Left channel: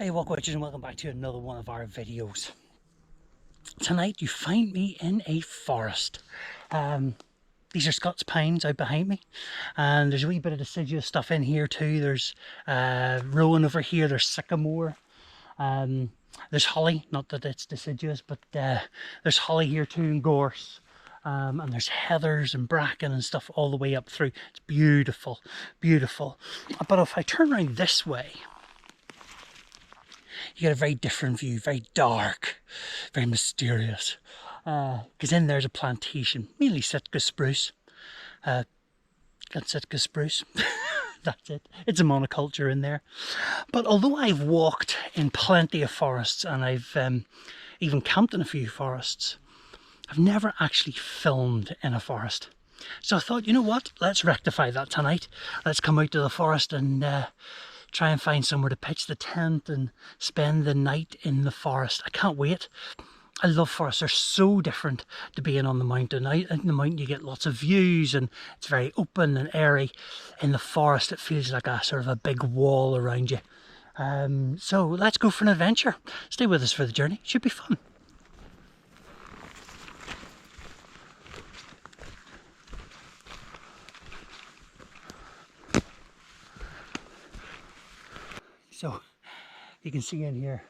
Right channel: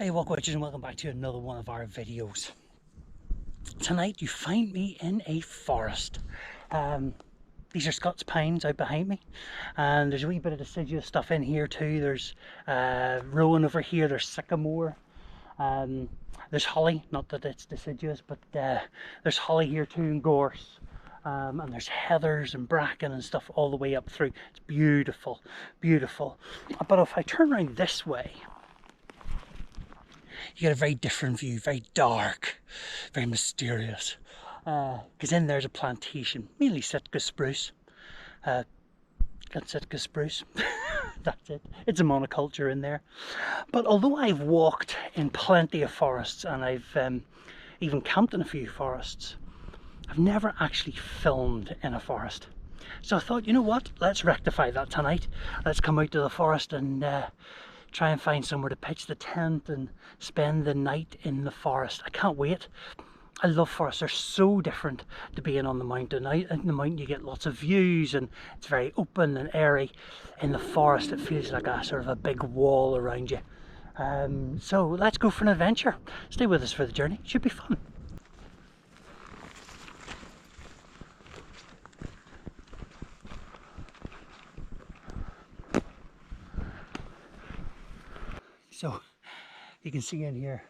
Hey Walkwatchers, and welcome back to another one of our videos. Tonight you find me in a forest. These are Scots pines out behind me, and there's a wee bit of deciduous stuff in here too. There's rowan over here, there's sycamore, there's holly, not that it's deciduous, but there's holly here too, and gorse. And there's heathers and bracken and stuff all the way up through. It's beautiful, beautiful. But if I turn around this way, you get a very different view, very dark, very mysterious. Because in there's a plantation, mainly Sitka spruce. Got Sitka spruce. That's it. It's a monoculture in there. But although I've walked in plenty of forests and I've even camped in a few forests, I've never actually filmed in a forest. So I thought, you know what? Let's rectify that tonight. Let's come out to the forest and try and find somewhere to pitch the tent and spend the night in the forest. I can't wait. I love forests. They're so different to being on the mountain. Out in the mountain you get lots of views and it's very open and airy. In the forest it feels like a sort of a big wall around you. So let's go for an adventure. Stay with us for the journey. It should be fun. So you can see in here,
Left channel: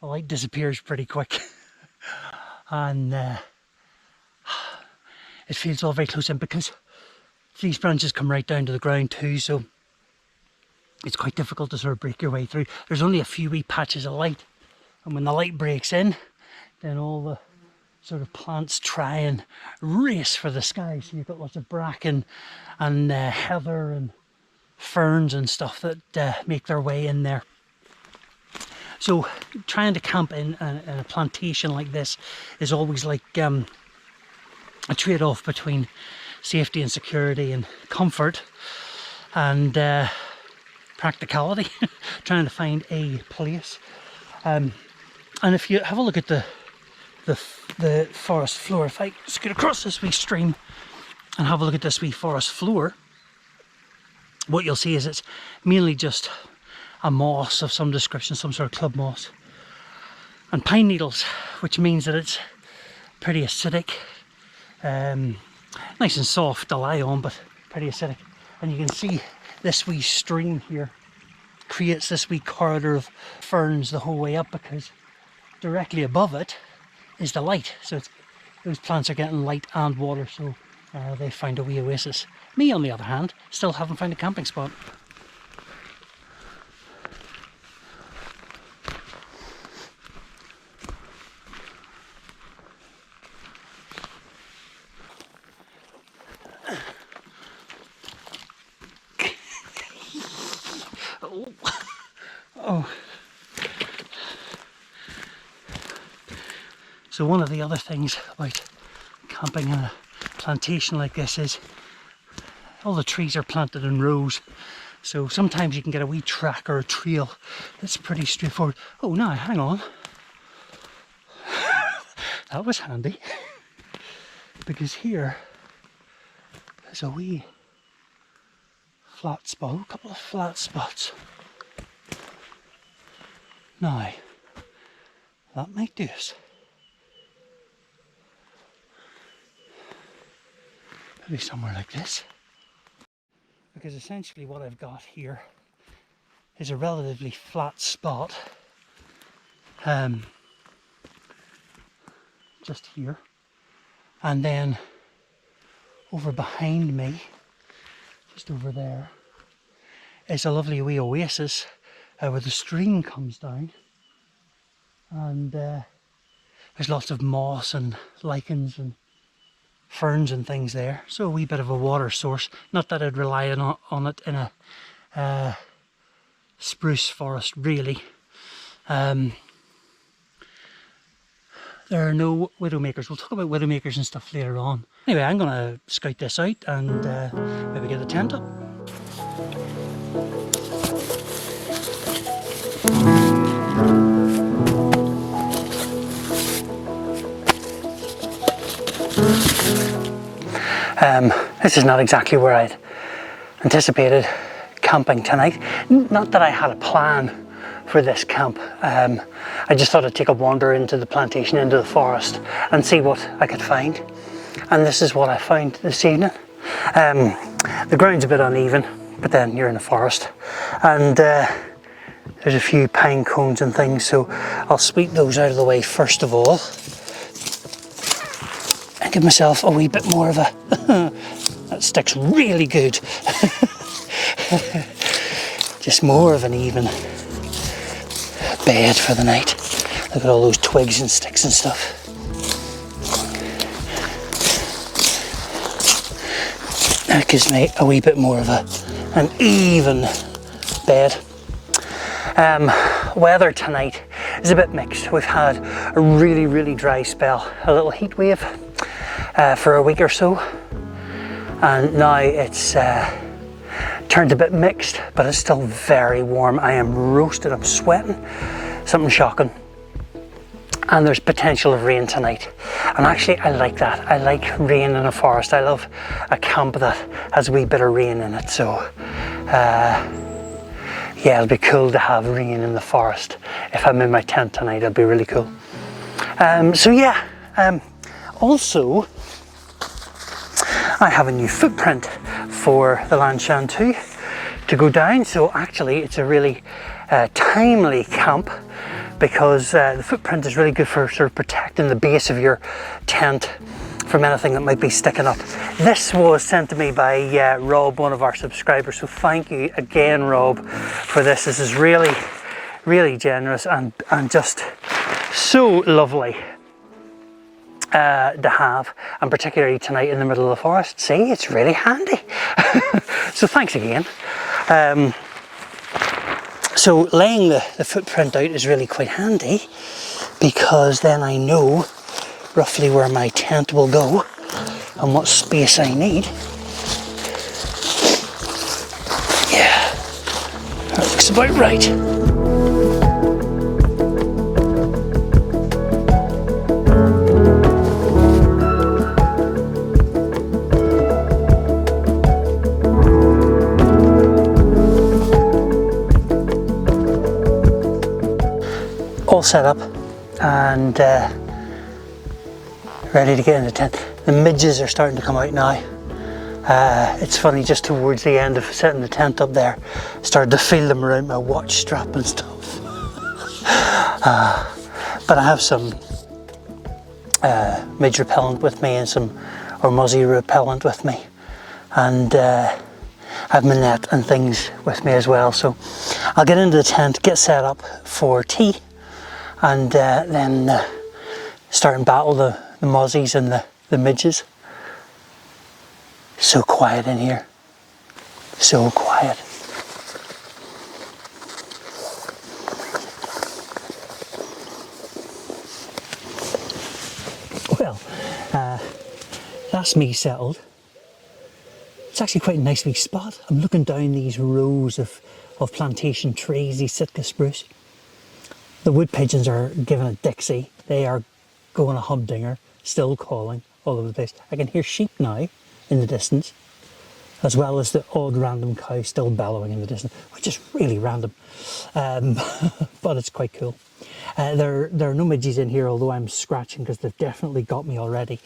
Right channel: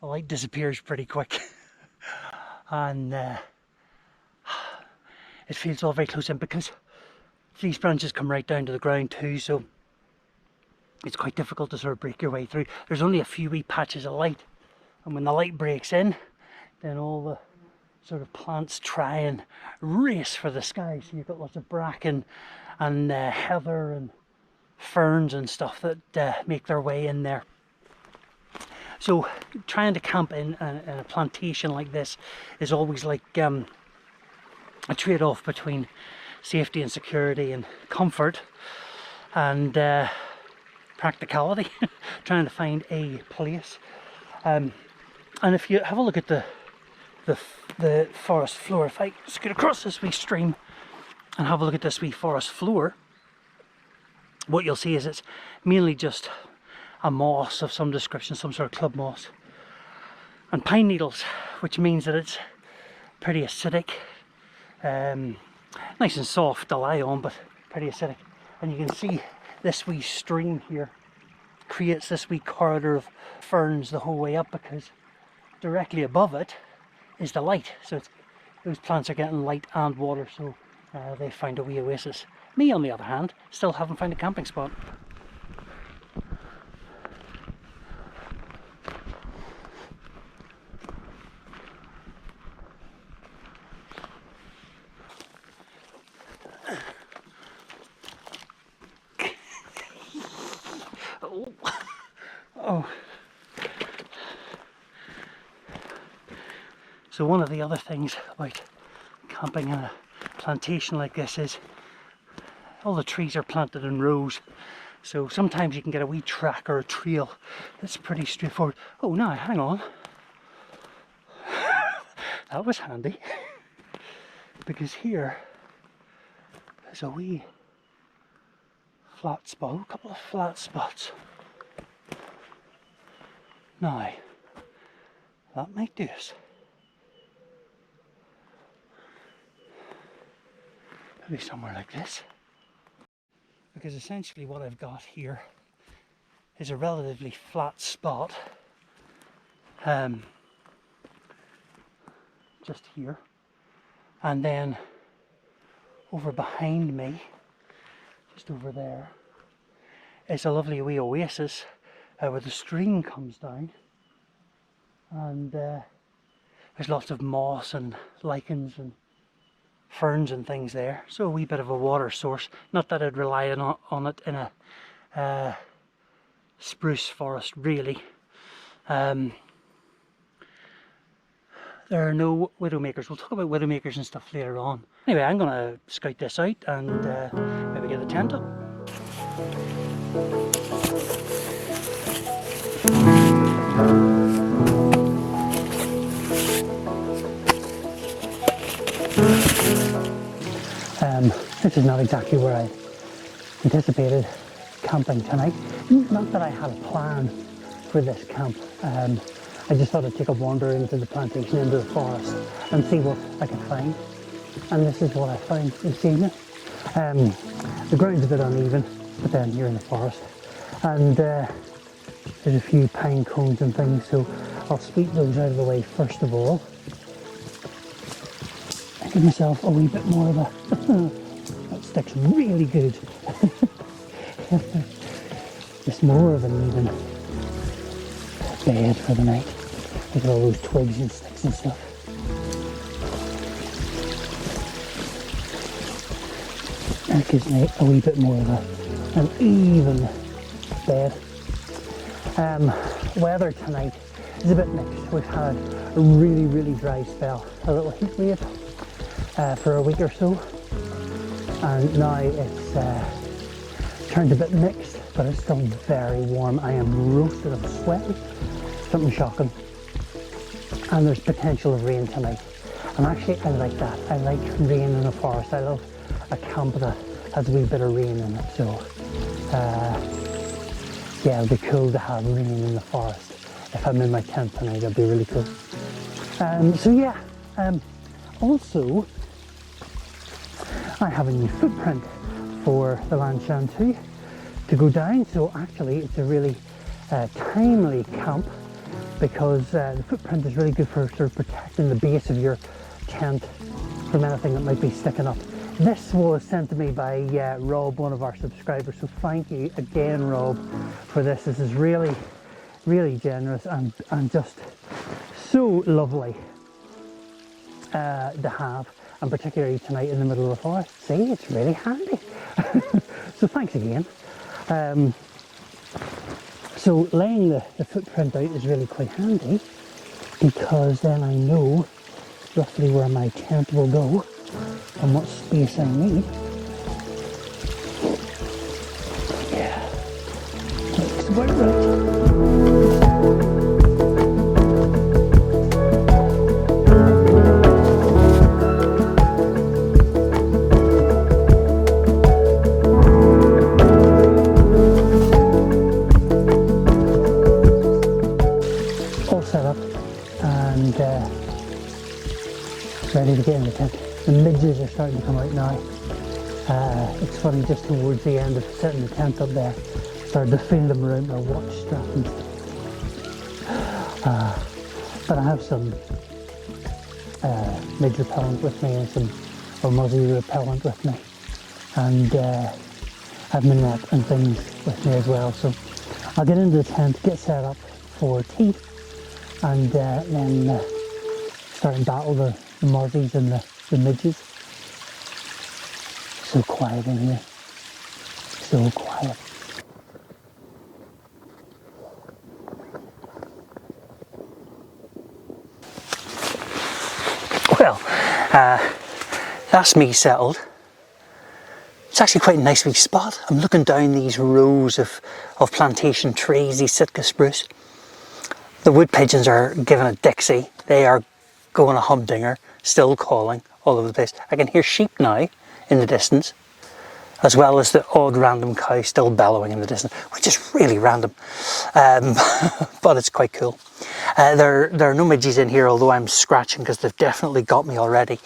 the light disappears pretty quick, and it feels all very close in because these branches come right down to the ground too, so it's quite difficult to sort of break your way through. There's only a few wee patches of light, and when the light breaks in, then all the sort of plants try and race for the sky. So you've got lots of bracken and heather and ferns and stuff that make their way in there. So trying to camp in a plantation like this is always like a trade-off between safety and security and comfort and practicality. Trying to find a place, and if you have a look at the forest floor, if I scoot across this wee stream and have a look at this wee forest floor, what you'll see is it's mainly just a moss of some description, some sort of club moss, and pine needles, which means that it's pretty acidic, nice and soft to lie on, but pretty acidic. And you can see this wee stream here creates this wee corridor of ferns the whole way up, because directly above it is the light. So those plants are getting light and water, so they find a wee oasis. Me, on the other hand, still haven't found a camping spot. Oh. So one of the other things about camping in a plantation like this is all the trees are planted in rows, so sometimes you can get a wee track or a trail that's pretty straightforward. Oh, now hang on. That was handy, because here there's a wee flat spot, a couple of flat spots. Now that might do us. Maybe somewhere like this. Because essentially what I've got here is a relatively flat spot, just here, and then over behind me, just over there, is a lovely wee oasis where the stream comes down, and there's lots of moss and lichens and ferns and things there, so a wee bit of a water source. Not that I'd rely on it in a spruce forest really. There are no widowmakers. We'll talk about widowmakers and stuff later on. Anyway, I'm going to scout this out and maybe get the tent up. This is not exactly where I'd anticipated camping tonight. Not that I had a plan for this camp. I just thought I'd take a wander into the plantation, into the forest, and see what I could find. And this is what I found this evening. The ground's a bit uneven, but then you're in a forest. And there's a few pine cones and things, so I'll sweep those out of the way first of all. And give myself a wee bit more of a... that sticks really good. Just more of an even bed for the night. Look at all those twigs and sticks and stuff. That gives me a wee bit more of an even bed. Weather tonight is a bit mixed. We've had a really dry spell, a little heat wave for a week or so, and now it's turned a bit mixed, but it's still very warm. I am roasted, I'm sweating, something shocking. And there's potential of rain tonight. And actually I like that. I like rain in a forest. I love a camp that has a wee bit of rain in it. So yeah, it'll be cool to have rain in the forest. If I'm in my tent tonight, it'll be really cool. So yeah, also I have a new footprint for the Lanshan 2 to go down. So actually it's a really timely camp, because the footprint is really good for sort of protecting the base of your tent from anything that might be sticking up. This was sent to me by Rob, one of our subscribers, so thank you again, Rob, for this. This is really generous and just so lovely to have, and particularly tonight in the middle of the forest. See, it's really handy. So thanks again. So laying the footprint out is really quite handy, because then I know roughly where my tent will go and what space I need. Yeah, that looks about right. All set up and ready to get in the tent. The midges are starting to come out now. It's funny, just towards the end of setting the tent up there, I started to feel them around my watch strap and stuff. But I have some midge repellent with me and some muzzy repellent with me, and I have my net and things with me as well. So I'll get into the tent, get set up for tea, and then start and battle the mozzies and the midges. So quiet in here, so quiet. Well, that's me settled. It's actually quite a nice wee spot. I'm looking down these rows of plantation trees, these Sitka spruce. The wood pigeons are giving a Dixie. They are going a humdinger, still calling all over the place. I can hear sheep now in the distance, as well as the odd random cow still bellowing in the distance, which is really random, but it's quite cool. There are no midges in here, although I'm scratching because they've definitely got me already,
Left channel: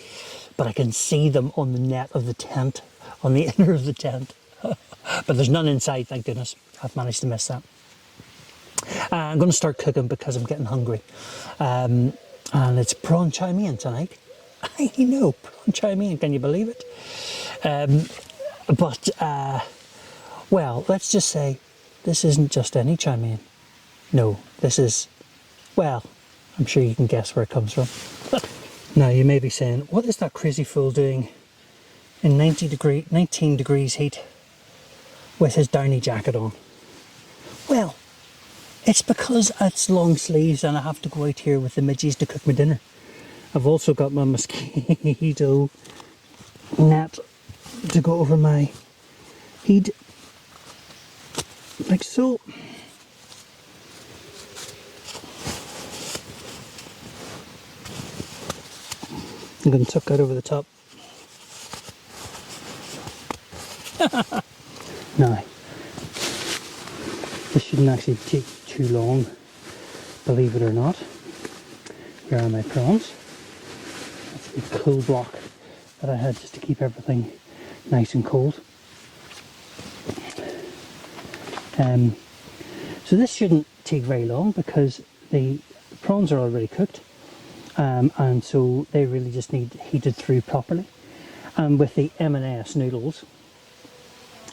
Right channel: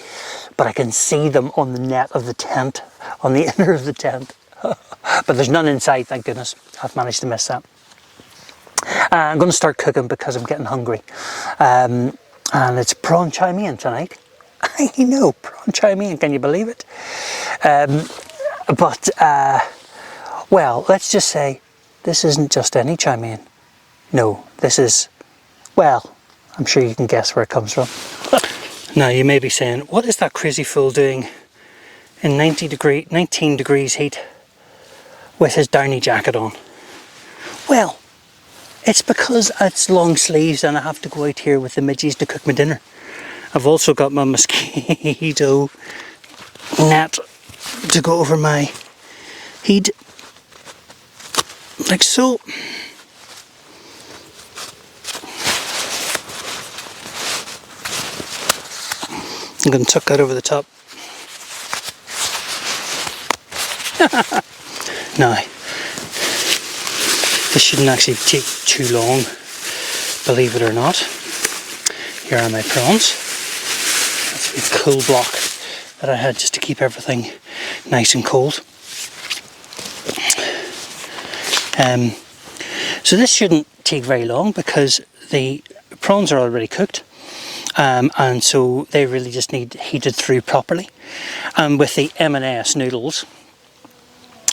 but I can see them on the net of the tent, on the inner of the tent. But there's none inside, thank goodness. I've managed to miss that. I'm going to start cooking because I'm getting hungry. And it's prawn chow mein tonight. I know, prawn chow mein, can you believe it? Well, let's just say this isn't just any chow mein. No, this is, well, I'm sure you can guess where it comes from. Now you may be saying, what is that crazy fool doing in 19 degrees heat with his downy jacket on? Well, it's because it's long sleeves and I have to go out here with the midges to cook my dinner. I've also got my mosquito net to go over my heat, like so. I'm going to tuck that over the top. Now, This shouldn't actually take too long, believe it or not. Here are my prawns. That's a cool block that I had just to keep everything nice and cold. So this shouldn't take very long because the prawns are already cooked, and so they really just need heated through properly. And with the M&S noodles,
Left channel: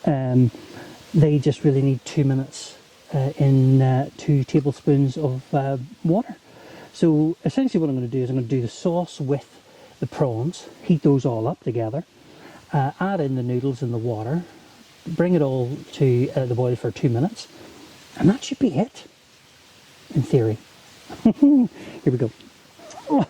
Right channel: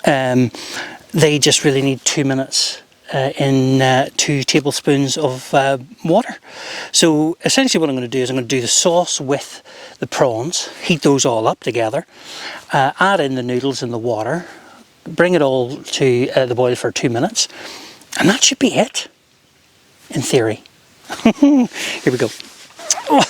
they just really need 2 minutes in 2 tablespoons of water. So essentially what I'm going to do is I'm going to do the sauce with the prawns, heat those all up together, add in the noodles in the water, bring it all to the boil for 2 minutes, and that should be it, in theory. Here we go. Oh.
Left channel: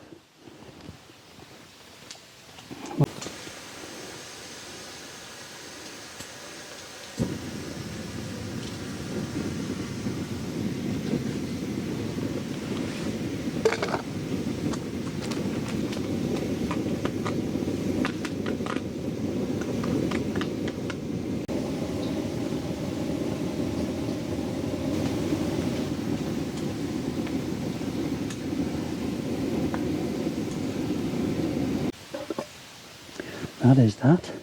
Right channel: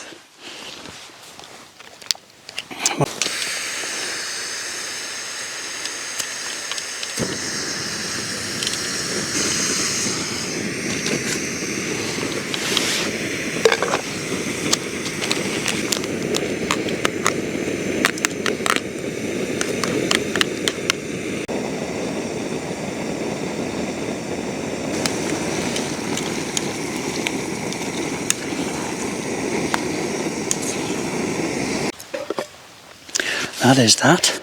That is that.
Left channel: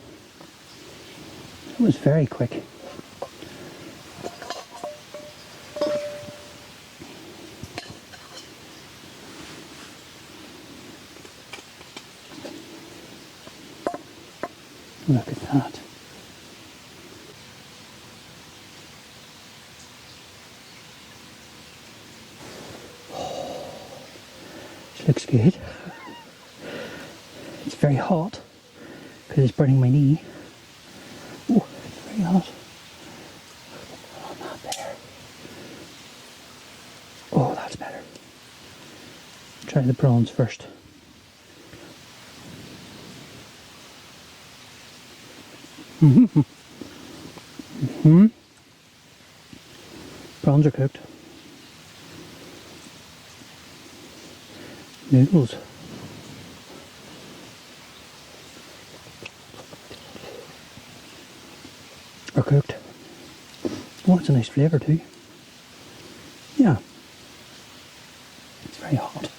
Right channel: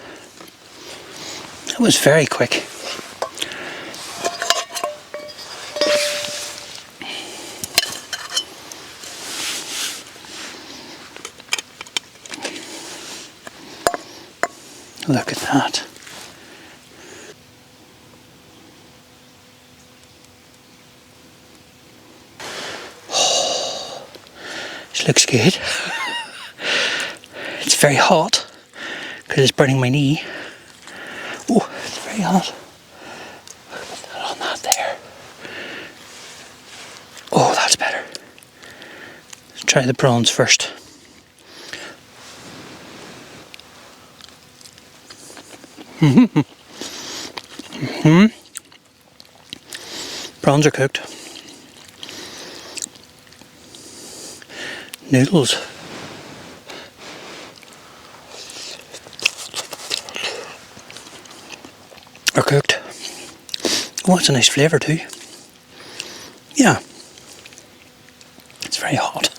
That was very quick. Look at that. Oh, this looks good. It's very hot because it's burning my knee. Oh, it's very hot. Put that on that there. Oh, that's better. Let's try the prawns first. Prawns are cooked. Noodles are cooked. Oh, it's a nice flavour too. Yeah. It's very hot.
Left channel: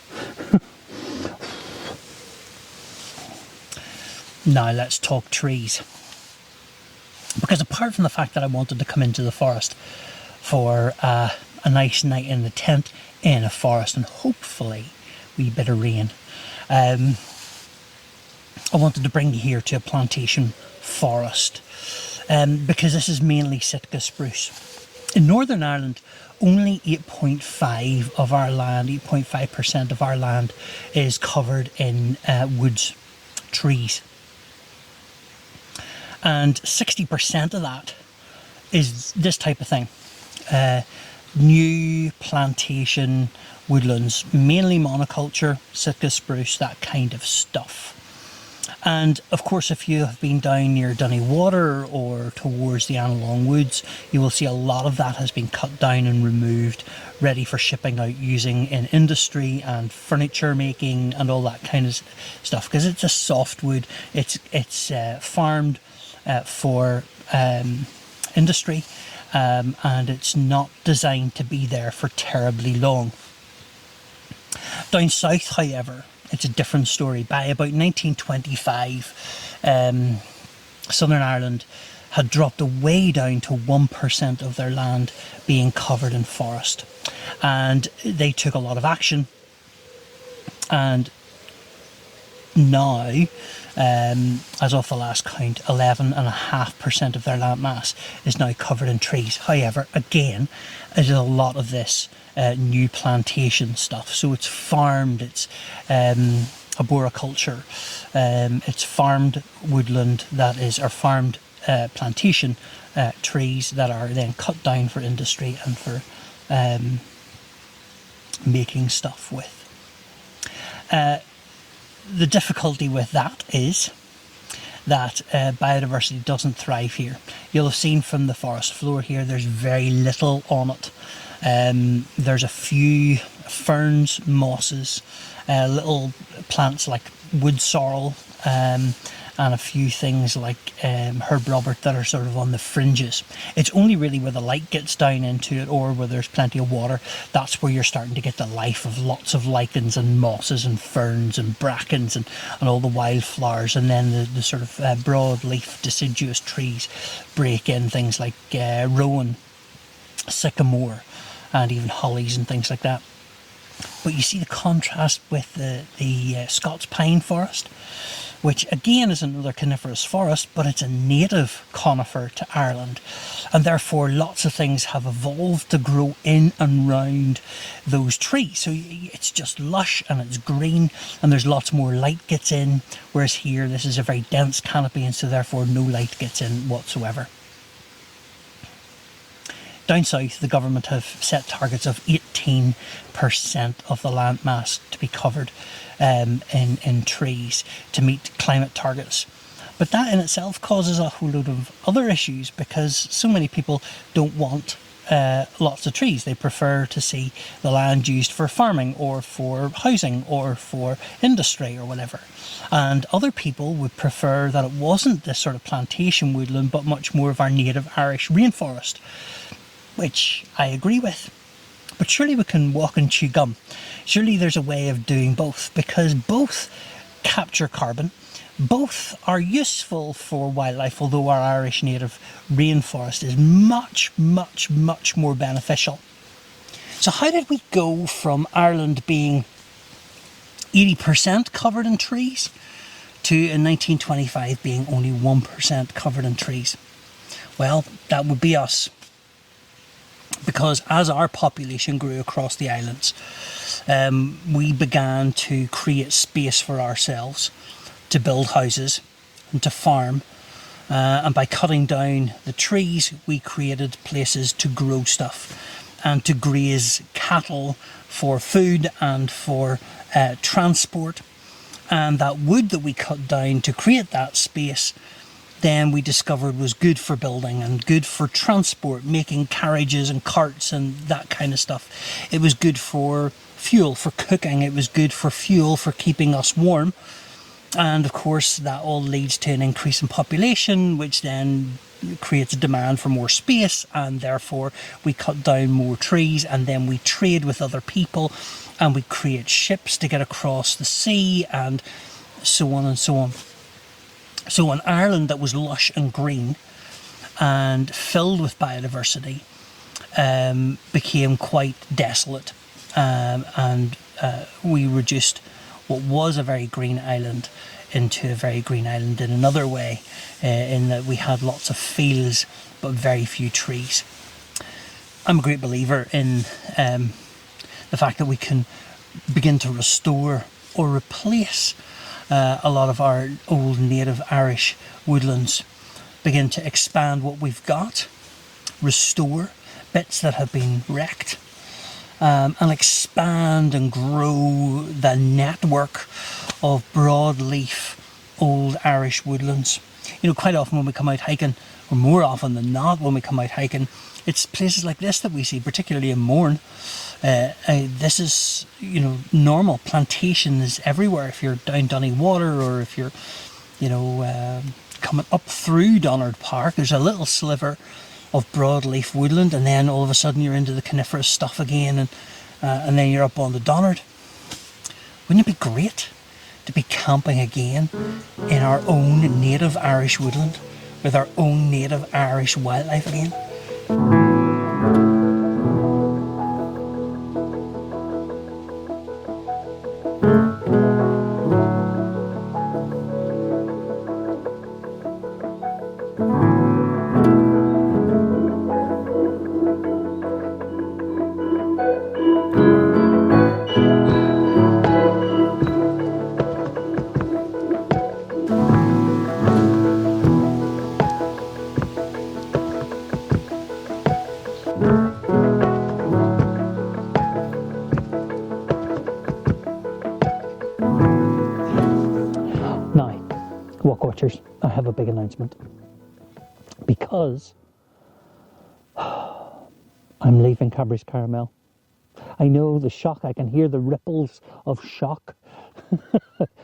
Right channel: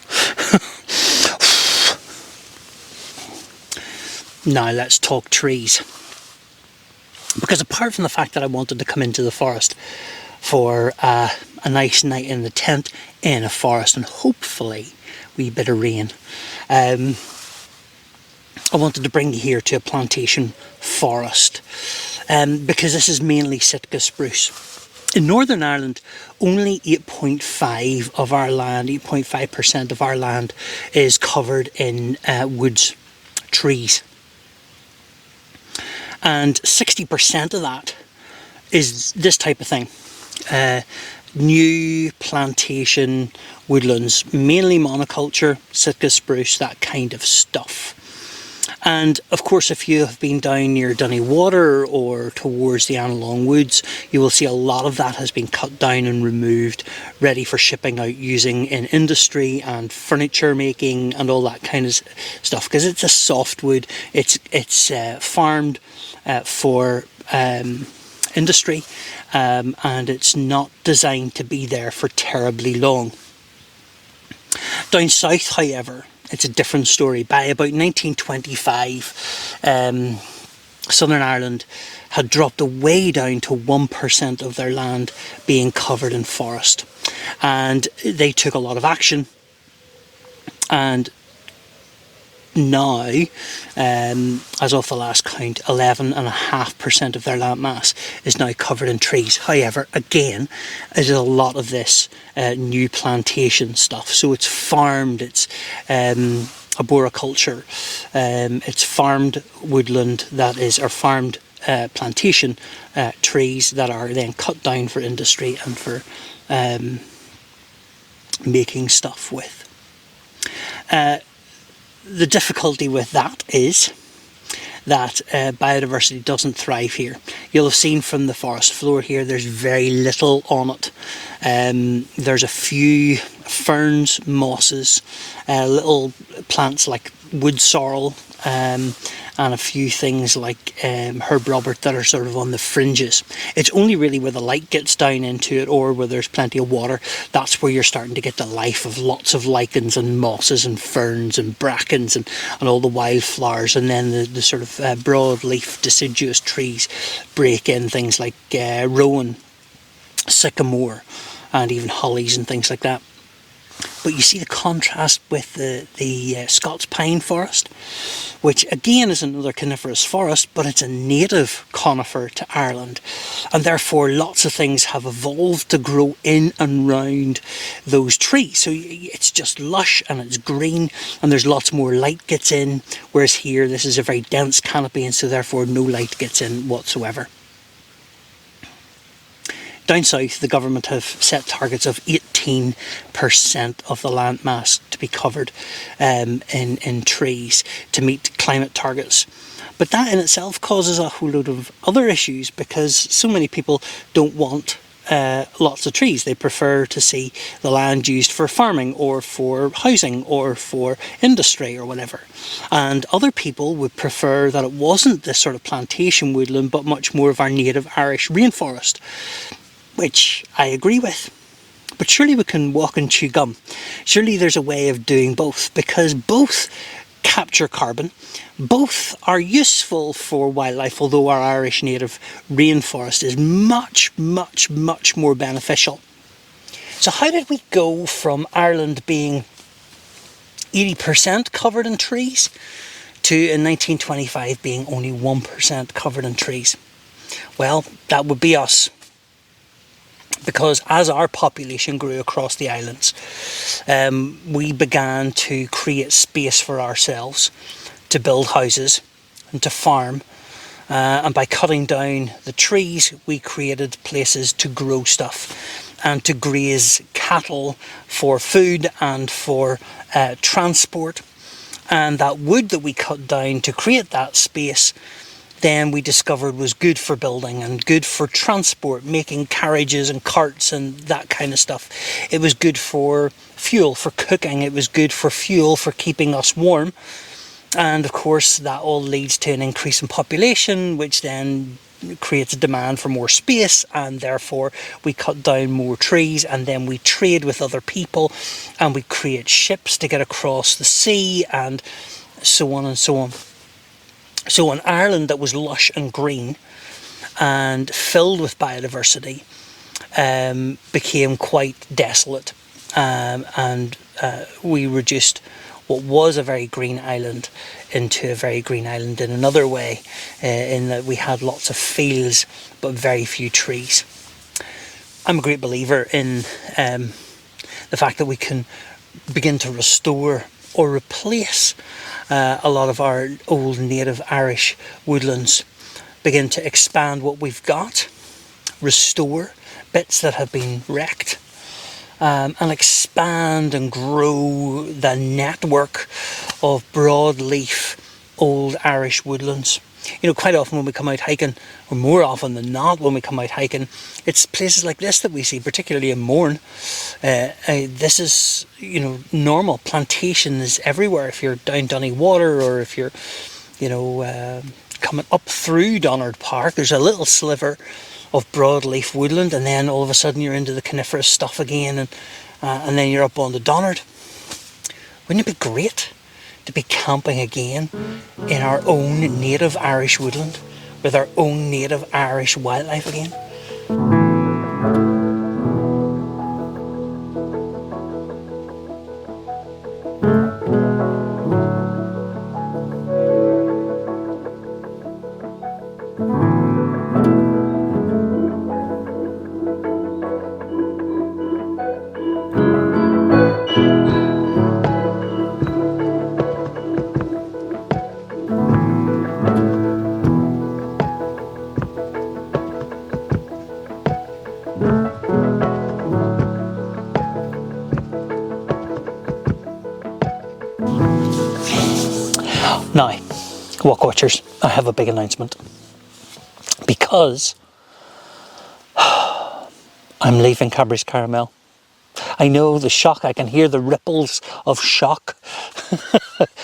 Now let's talk trees. Because apart from the fact that I wanted to come into the forest for a nice night in the tent in a forest and hopefully a wee bit of rain, I wanted to bring you here to a plantation forest, because this is mainly Sitka spruce. In Northern Ireland, only 8.5% of our land is covered in woods, trees. And 60% of that is this type of thing. New plantation woodlands, mainly monoculture, Sitka spruce, that kind of stuff. And of course, if you have been down near Dunny Water or towards the Annalong Woods, you will see a lot of that has been cut down and removed, ready for shipping out using in industry and furniture making and all that kind of stuff. Because it's a softwood, it's farmed for industry, and it's not designed to be there for terribly long. Down south, however, it's a different story. By about 1925, Southern Ireland had dropped way down to 1% of their land being covered in forest. And they took a lot of action. And now, as of the last count, 11.5% of their land mass is now covered in trees. However, again, there's a lot of this new plantation stuff. So it's farmed, it's arboriculture, it's farmed woodland that is, or farmed plantation trees that are then cut down for industry and for making stuff with. The difficulty with that is that biodiversity doesn't thrive here. You'll have seen from the forest floor here, there's very little on it. There's a few ferns, mosses, little plants like wood sorrel, and a few things like herb robert that are sort of on the fringes. It's only really where the light gets down into it, or where there's plenty of water, that's where you're starting to get the life of lots of lichens and mosses and ferns and brackens and all the wildflowers, and then the sort of broadleaf deciduous trees break in, things like rowan, sycamore, and even hollies and things like that. But you see the contrast with the Scots pine forest, which again is another coniferous forest, but it's a native conifer to Ireland, and therefore lots of things have evolved to grow in and round those trees. So it's just lush and it's green, and there's lots more light gets in, whereas here this is a very dense canopy, and so therefore no light gets in whatsoever. Down south, the government have set targets of 18% of the landmass to be covered in trees to meet climate targets. But that in itself causes a whole load of other issues, because so many people don't want lots of trees. They prefer to see the land used for farming or for housing or for industry or whatever. And other people would prefer that it wasn't this sort of plantation woodland, but much more of our native Irish rainforest, which I agree with. But surely we can walk and chew gum. Surely there's a way of doing both, because both capture carbon, both are useful for wildlife, although our Irish native rainforest is much, much, much more beneficial. So how did we go from Ireland being 80% covered in trees to in 1925 being only 1% covered in trees? Well, that would be us. Because as our population grew across the islands, we began to create space for ourselves to build houses and to farm. And by cutting down the trees, we created places to grow stuff and to graze cattle for food and for transport. And that wood that we cut down to create that space, then we discovered was good for building and good for transport, making carriages and carts and that kind of stuff. It was good for fuel, for cooking. It was good for fuel, for keeping us warm. And of course, that all leads to an increase in population, which then creates a demand for more space, and therefore we cut down more trees, and then we trade with other people, and we create ships to get across the sea, and so on and so on. So an Ireland that was lush and green and filled with biodiversity became quite desolate, and we reduced what was a very green island into a very green island in another way, in that we had lots of fields but very few trees. I'm a great believer in the fact that we can begin to restore or replace a lot of our old native Irish woodlands, begin to expand what we've got, restore bits that have been wrecked, and expand and grow the network of broadleaf old Irish woodlands. You know, quite often when we come out hiking, or more often than not when we come out hiking, it's places like this that we see, particularly in Mourne. This is, you know, normal. Plantation is everywhere. If you're down Dunnywater, or if you're, you know, coming up through Donard Park, there's a little sliver of broadleaf woodland, and then all of a sudden you're into the coniferous stuff again, and then you're up on the Donard. Wouldn't it be great to be camping again in our own native Irish woodland with our own native Irish wildlife again? Now, Walkwatchers, I have a big announcement, because I'm leaving Cadbury's Caramel. I know the shock. I can hear the ripples of shock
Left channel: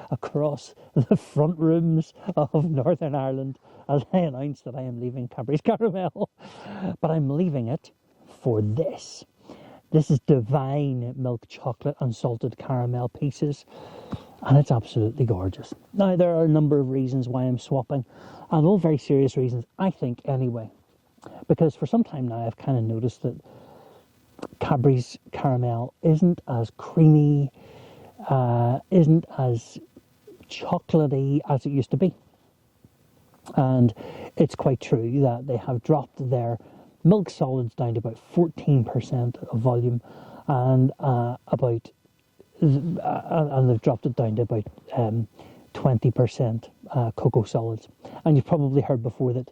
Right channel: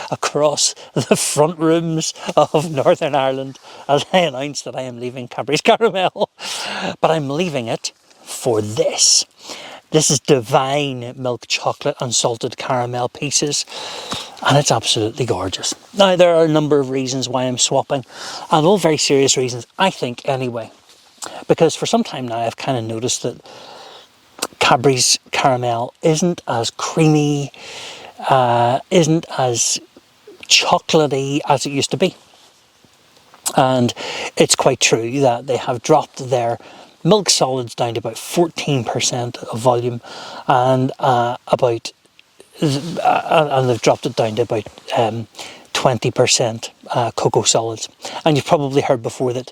across the front rooms of Northern Ireland as I announce that I am leaving Cadbury's Caramel. But I'm leaving it for this. This is divine milk chocolate and salted caramel pieces, and it's absolutely gorgeous. Now, there are a number of reasons why I'm swapping, and all very serious reasons, I think, anyway. Because for some time now, I've kind of noticed that Cadbury's Caramel isn't as creamy, isn't as chocolatey as it used to be. And it's quite true that they have dropped their milk solids down to about 14% of volume, and and they've dropped it down to about 20% cocoa solids. And you've probably heard before that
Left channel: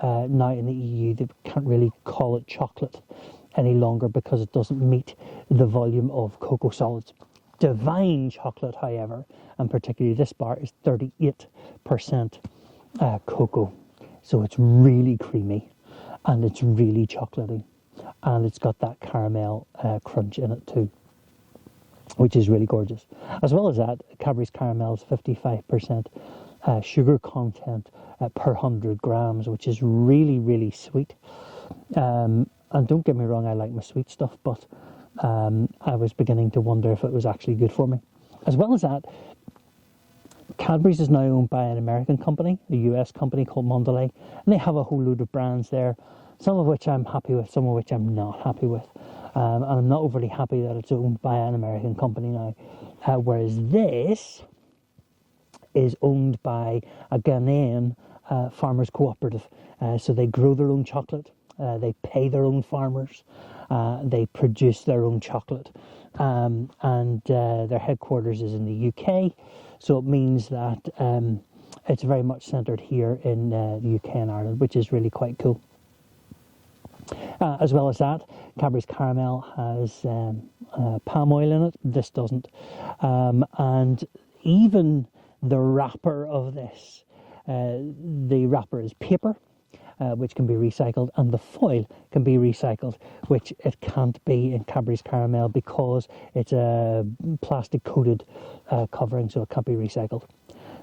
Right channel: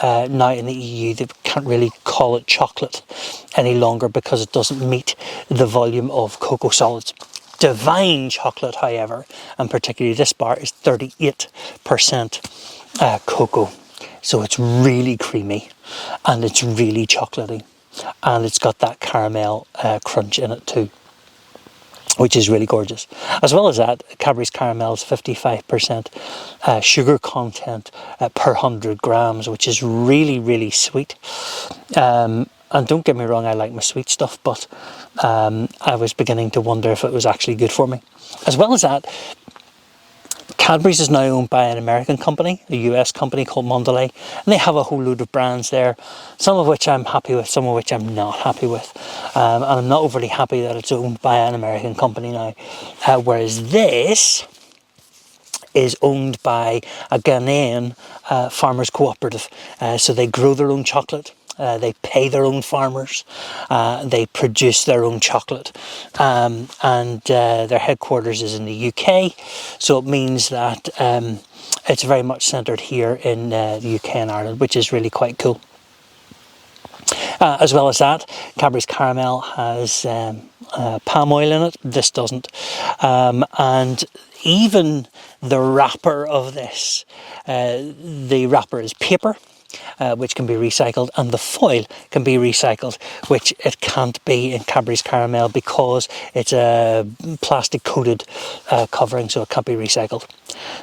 now in the EU they can't really call it chocolate any longer because it doesn't meet the volume of cocoa solids. Divine chocolate, however, and particularly this bar, is 38% cocoa. So it's really creamy and it's really chocolatey, and it's got that caramel crunch in it too, which is really gorgeous. As well as that, Cadbury's Caramel is 55% sugar content per 100 grams, which is really, really sweet. And don't get me wrong, I like my sweet stuff, but I was beginning to wonder if it was actually good for me. As well as that, Cadbury's is now owned by an American company, a US company called Mondelez, and they have a whole load of brands there, some of which I'm happy with, some of which I'm not happy with. And I'm not overly happy that it's owned by an American company now, whereas this is owned by a Ghanaian farmers cooperative. So they grow their own chocolate. They pay their own farmers, they produce their own chocolate, and their headquarters is in the UK, so it means that it's very much centred here in the UK and Ireland, which is really quite cool. As well as that, Cadbury's Caramel has palm oil in it. This doesn't. And even the wrapper of this, the wrapper is paper, which can be recycled, and the foil can be recycled, which it can't be in Cadbury's Caramel because it's a plastic coated covering, so it can't be recycled.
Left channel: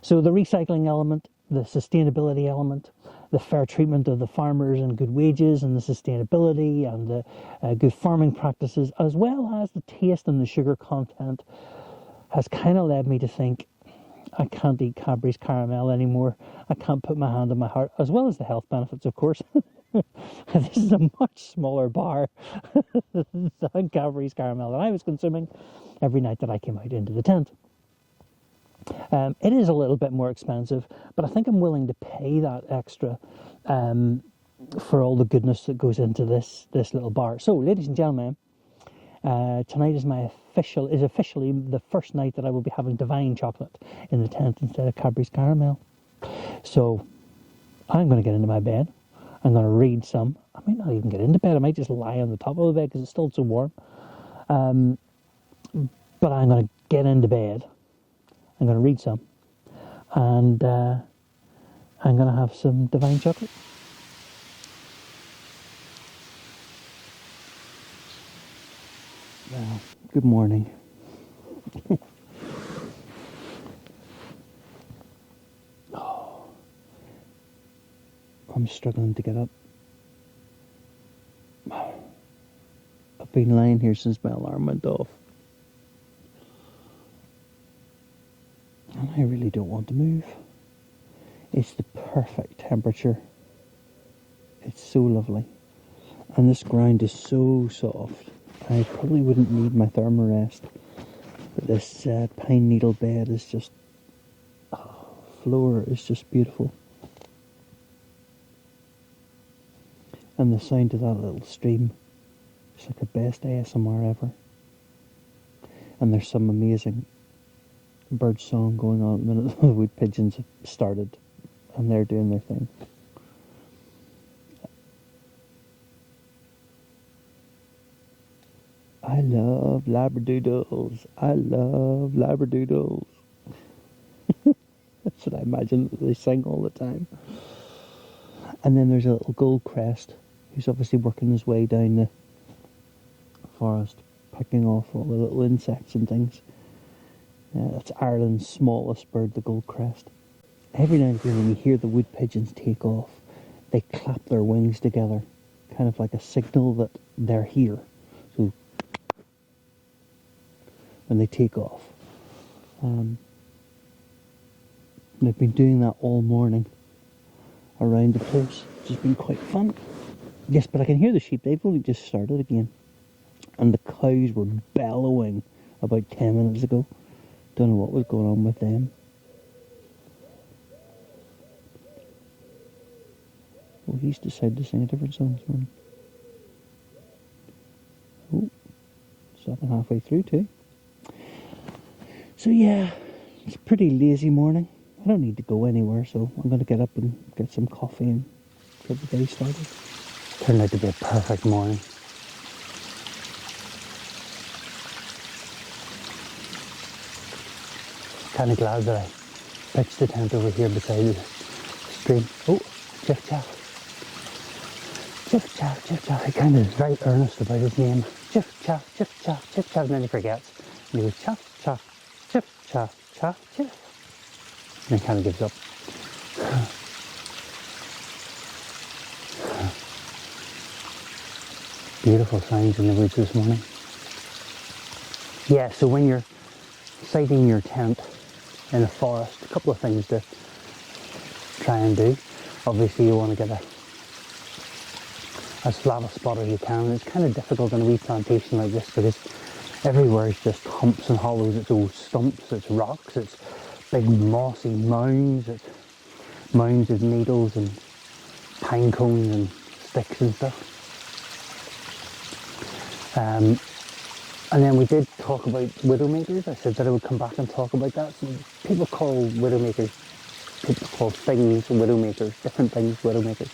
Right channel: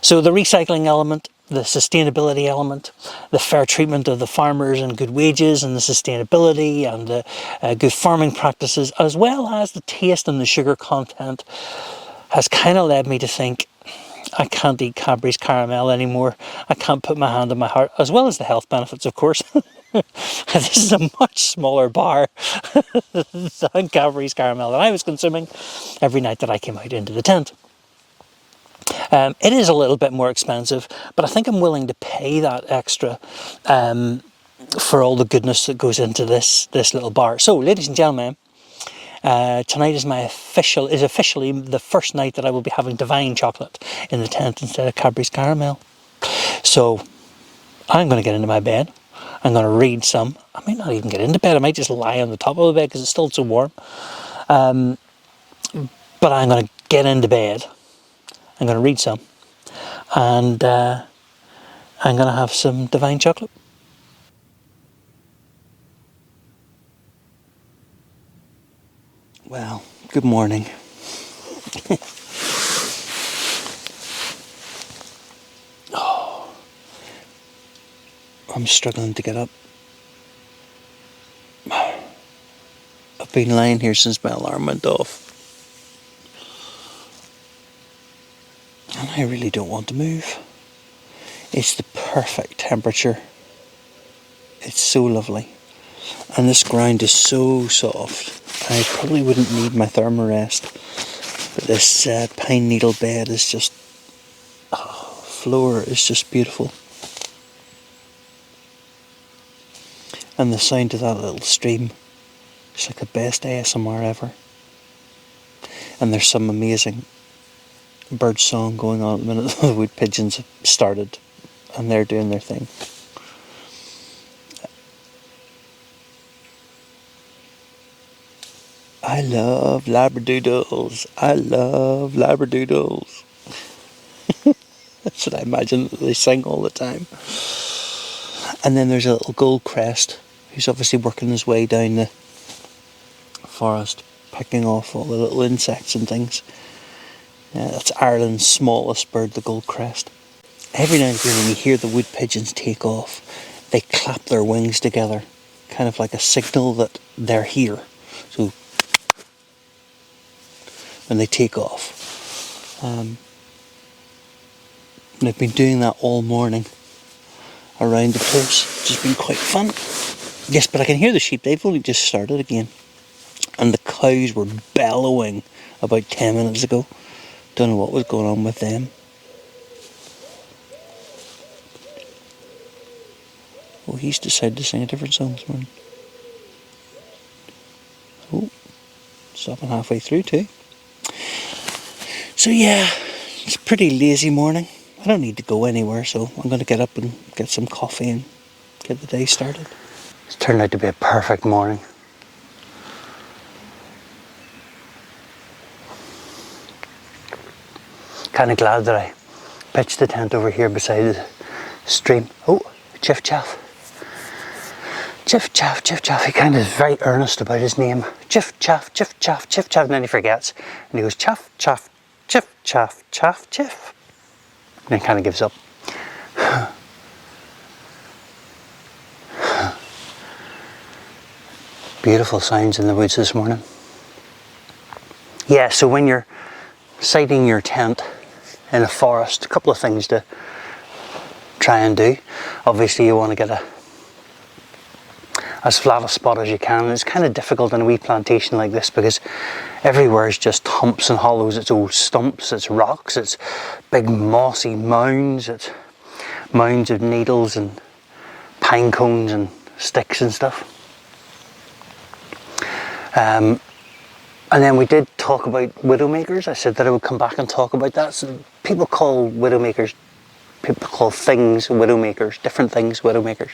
So the recycling element, the sustainability element, the fair treatment of the farmers and good wages and the sustainability and the good farming practices, as well as the taste and the sugar content, has kind of led me to think I can't eat Cadbury's Caramel anymore. I can't put my hand on my heart, as well as the health benefits, of course. This is a much smaller bar than Cadbury's Caramel that I was consuming every night that I came out into the tent. It is a little bit more expensive, but I think I'm willing to pay that extra for all the goodness that goes into this little bar. So, ladies and gentlemen, tonight is officially the first night that I will be having divine chocolate in the tent instead of Cadbury's Caramel. So I'm going to get into my bed. I'm going to read some. I might not even get into bed. I might just lie on the top of the bed because it's still so warm. But I'm going to get into bed. I'm going to read some. And I'm going to have some divine chocolate. Well, good morning. Oh, I'm struggling to get up. I've been lying here since my alarm went off. And I really don't want to move. It's the perfect temperature. It's so lovely. And this ground is so soft. I probably wouldn't need my thermarest. But this pine needle bed is just... floor is just beautiful. And the sound of that little stream, it's like the best ASMR ever. And there's some amazing bird song going on at the minute. The wood pigeons have started and they're doing their thing. I love labradoodles. I love labradoodles. That's what I imagine that they sing all the time. And then there's a little goldcrest who's obviously working his way down the forest. picking off all the little insects and things. That's Ireland's smallest bird, the goldcrest. Every now and again when you hear the wood pigeons take off, they clap their wings together, kind of like a signal that they're here. So when they take off. And I've been doing that all morning around the place, which has been quite fun. Yes, but I can hear the sheep, they've only just started again. And the cows were bellowing about 10 minutes ago. Don't know what was going on with them. Oh, he's decided to sing a different song this morning. Oh, stopping halfway through too. So yeah, it's a pretty lazy morning. I don't need to go anywhere, so I'm going to get up and get some coffee and get the day started. It's turned out to be a perfect morning. Kind of glad that I pitched the tent over here beside the stream. Oh, Chiff Chaff. Chiff Chaff, Chiff Chaff. He kind of is very earnest about his name. Chiff Chaff, Chiff Chaff, Chiff Chaff. And then he forgets. And he goes, Chaff, Chaff, Chiff Chaff, Chaff, Chiff. And then kind of gives up. Beautiful sounds in the woods this morning. Yeah, so when you're siting your tent in a forest, a couple of things to try and do. Obviously you want to get as flat a spot as you can. And it's kind of difficult in a wee plantation like this because everywhere is just humps and hollows. It's old stumps, it's rocks, it's big mossy mounds, it's mounds of needles and pine cones and sticks and stuff. And then we did talk about widowmakers. I said that I would come back and talk about that. So people call widowmakers, people call things widowmakers, different things widowmakers.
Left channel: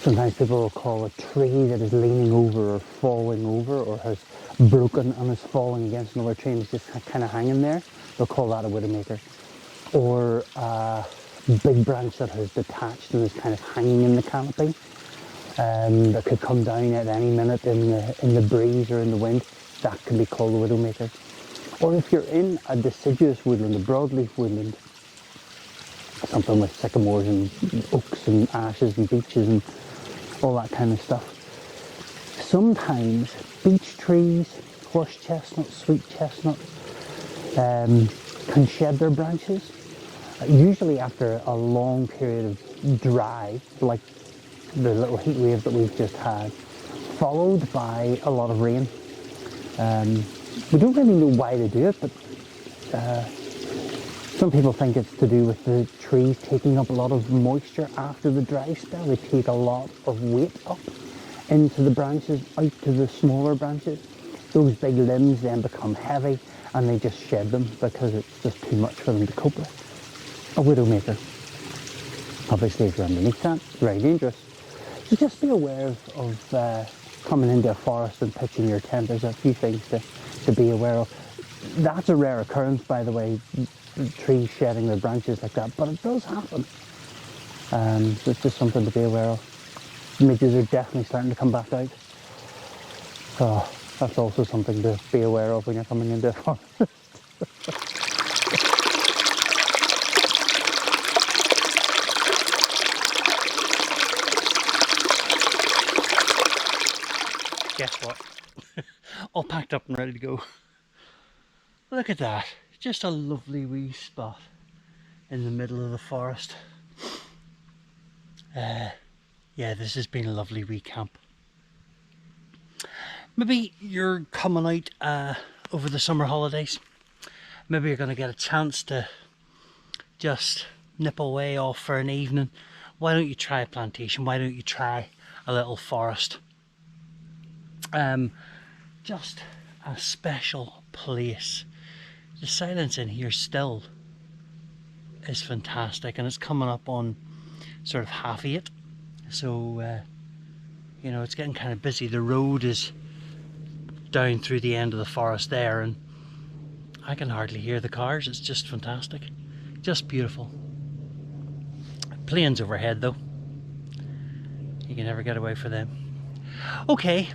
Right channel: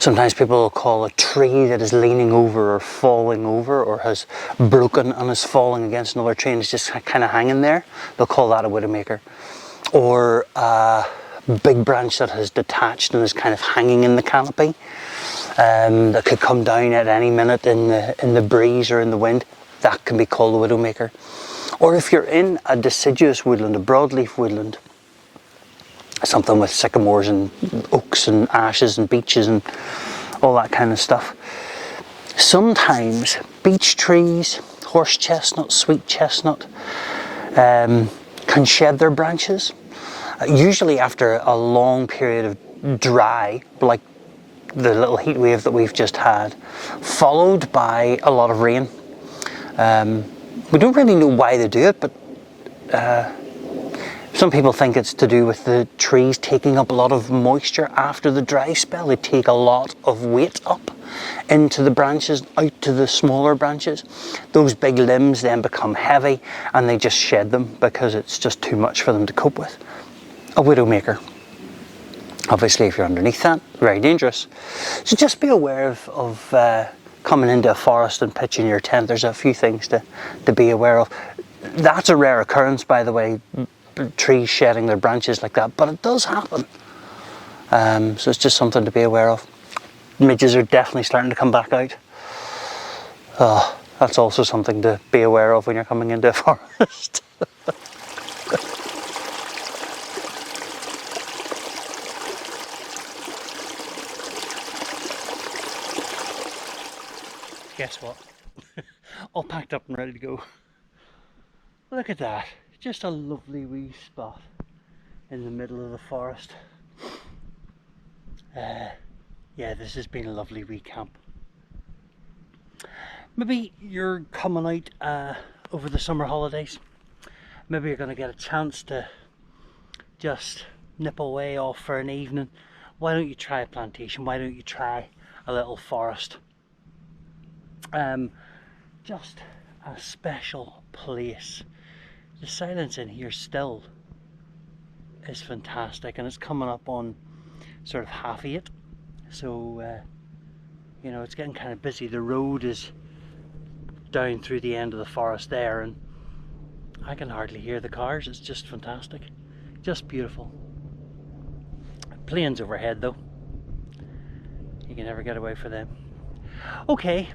Sometimes people will call a tree that is leaning over or falling over or has broken and is falling against another tree and is just kind of hanging there. They'll call that a widowmaker. Or a big branch that has detached and is kind of hanging in the canopy. That could come down at any minute in the breeze or in the wind. That can be called a widowmaker. Or if you're in a deciduous woodland, a broadleaf woodland, something with sycamores and oaks and ashes and beeches and all that kind of stuff. Sometimes beech trees, horse chestnut, sweet chestnut, can shed their branches. Usually after a long period of dry, like the little heat wave that we've just had, followed by a lot of rain. We don't really know why they do it, but some people think it's to do with the trees taking up a lot of moisture after the dry spell. They take a lot of weight up into the branches, out to the smaller branches. Those big limbs then become heavy and they just shed them because it's just too much for them to cope with. A widowmaker. Obviously, if you're underneath that, very dangerous. So just be aware of coming into a forest and pitching your tent. There's a few things to be aware of. That's a rare occurrence, by the way, trees shedding their branches like that, but it does happen. So it's just something to be aware of. Midges are definitely starting to come back out. That's also something to be aware of when you're coming into a forest. Guess what? All packed up and ready to go. Look at that. Just a lovely wee spot in the middle of the forest. Yeah, this has been a lovely wee camp. Maybe you're coming out over the summer holidays. Maybe you're going to get a chance to just nip away off for an evening. Why don't you try a plantation? Why don't you try a little forest? Just a special place. The silence in here still is fantastic, and it's coming up on sort of 8:30, so you know, it's getting kind of busy. The road is down through the end of the forest there, and I can hardly hear the cars. It's just fantastic, just beautiful. Planes overhead though, you can never get away from them. Okay,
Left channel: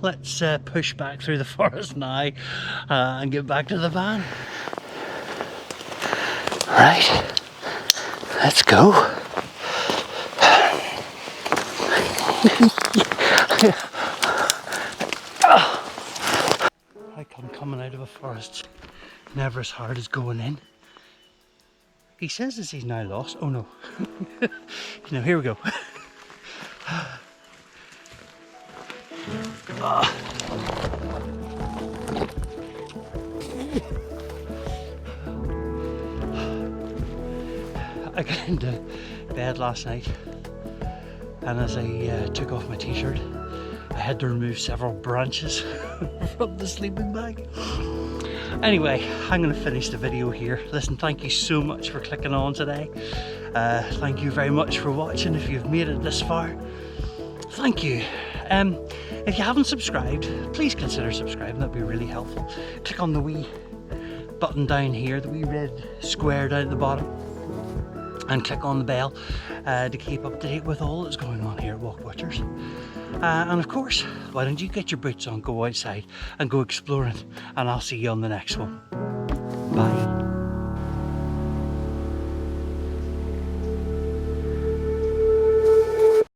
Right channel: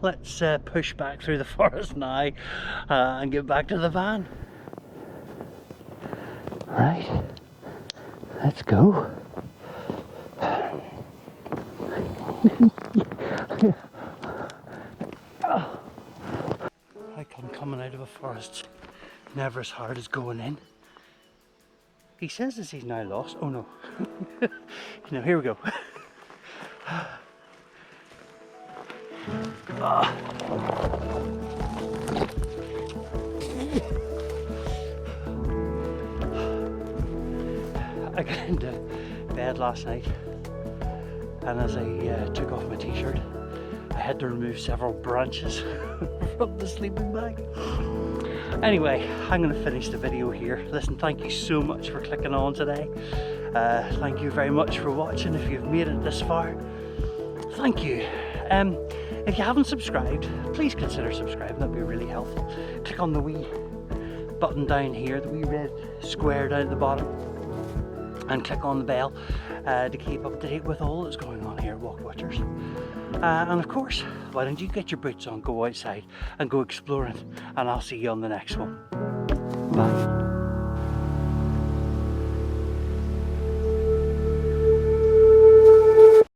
let's push back through the forest now and get back to the van. Right, let's go. How come coming out of a forest never as hard as going in? He says as he's now lost. Oh no. No, here we go. I got into bed last night, and as I took off my t-shirt, I had to remove several branches from the sleeping bag. Anyway, I'm going to finish the video here. Listen, thank you so much for clicking on today. Thank you very much for watching. If you've made it this far, thank you. If you haven't subscribed, please consider subscribing. That'd be really helpful. Click on the wee button down here, the wee red square down at the bottom, and click on the bell to keep up to date with all that's going on here at Walkwatchers. And of course, why don't you get your boots on, go outside and go exploring, and I'll see you on the next one. Bye.